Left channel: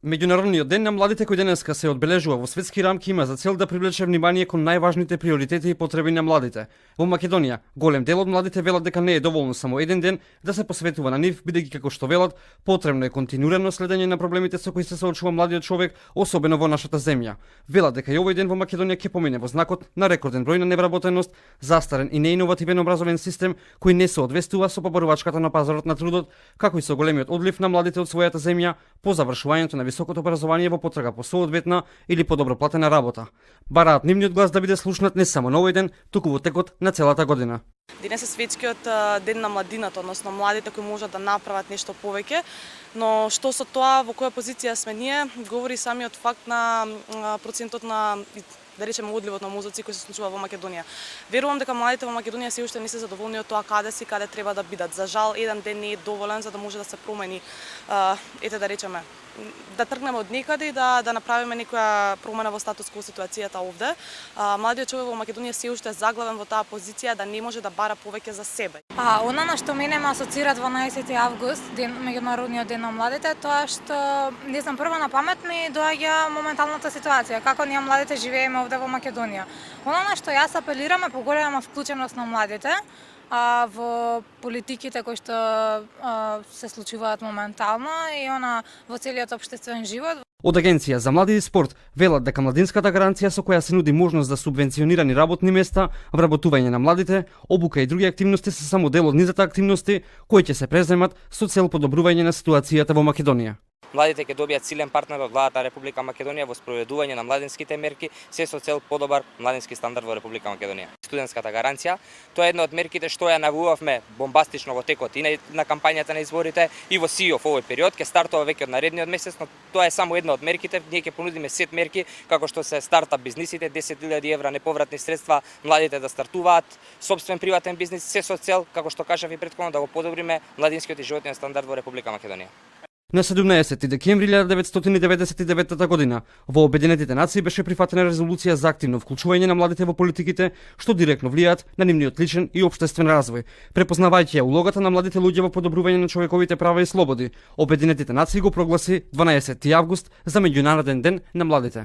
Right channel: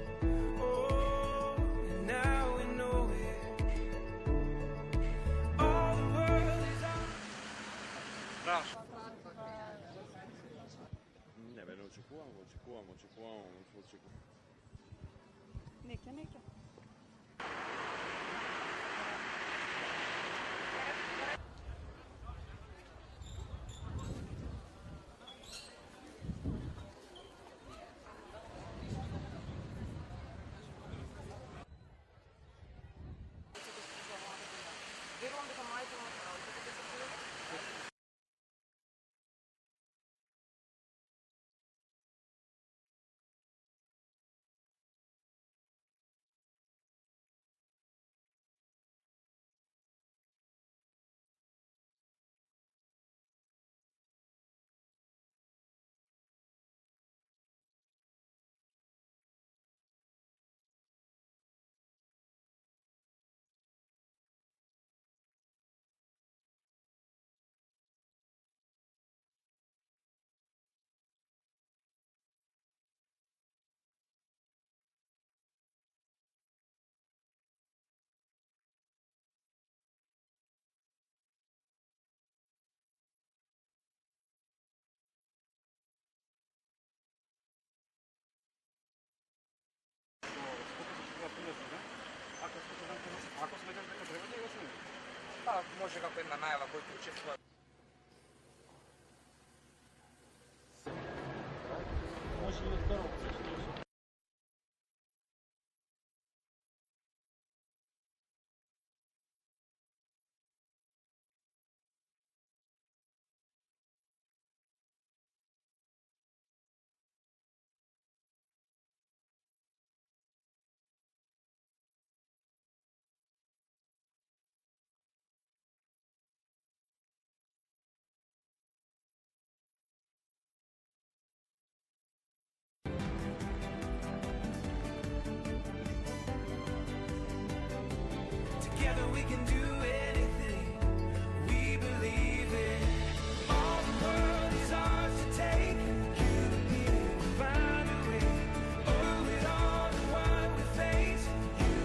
Меѓународниот ден на младите кој денеска се одбележува во светски рамки има за цел да привлече внимание кон најважните приоритети и потреби на младите. Во Македонија, голем дел од младите велат дека не е доволно само еден ден да се посветува на нив, бидејќи како што велат, потребно е континуирано следење на проблемите со кои се соочува младиот човек, особено во нашата земја. Велат дека и овој ден во Македонија ќе помине во знакот на рекорден број на невработеност, застарен и неиновативен образовен систем кој не се одвестува со побарувачката на пазарот на трудот, како и со големиот одлив на младите од својата земја по завршувањето на високото образование во потрага по соодветна или подобро платена работа. Бараат нивниот глас да биде слушнат не само на овој ден, туку во текот на целата година. Денес е светскиот ден на младината, односно младите кои можат да направат нешто повеќе, но што со тоа во која позиција сме ние, говори самиот факт на процентот на да речеме одливот на мозоци кој се случува во Македонија. Верувам дека младите во Македонија се уште не се задоволни од тоа каде си, каде треба да бидат. За жал, еден ден не е доволен за да може да се промени, ете да речеме, да тргнеме од некаде и да направиме некоја промена во статус кво ситуацијата овде. Младиот човек во Македонија се уште е заглавен во таа позиција да не може да бара повеќе за себе. Она на што мене ме асоцира 12 август, меѓународниот ден на младите, тоа што не знам, прво на памет ми доаѓа моменталната ситуација, како ние младите живееме овде во Македонија. Она на што јас апелирам е поголема вклученост на младите во политиките кои што се случуваат моментално и во целиот општествен живот. Од Агенција за млади и спорт велат дека младинската гаранција со која се нуди можност за субвенционирани работни места, вработување на младите, обука и други активности се само дел од низата активности кои ќе се преземат со цел подобрување на ситуацијата во Македонија. Младите ќе добијат силен партнер од владата на Република Македонија во спроведување на младинските мерки, се со цел подобар младински стандард во Република Македонија. Студентската гаранција, тоа е една од мерките што ја навувавме бомбастично во текот и на кампањата на изборите и во СИО во овој период, ќе стартува веќе од наредниот месец, но тоа е само една од мерките. Ние ќе понудиме сет мерки како што се стартап бизнисите, 10.000 евра неповратни средства, младите да стартуваат сопствен приватен бизнис, се со цел, како што кажав и претходно, да го подобриме младинскиот и животниот стандард во Република Македонија. На 17 декември 1999 година во Обединетите нации беше прифатена резолуција за активно вклучување на младите во политиките, што директно влијаат на нивниот личен и општествен развој. Препознавајќи ја улогата на младите луѓе во подобрување на човековите права и слободи, Обединетите нации го прогласи 12 август за меѓународен ден на младите.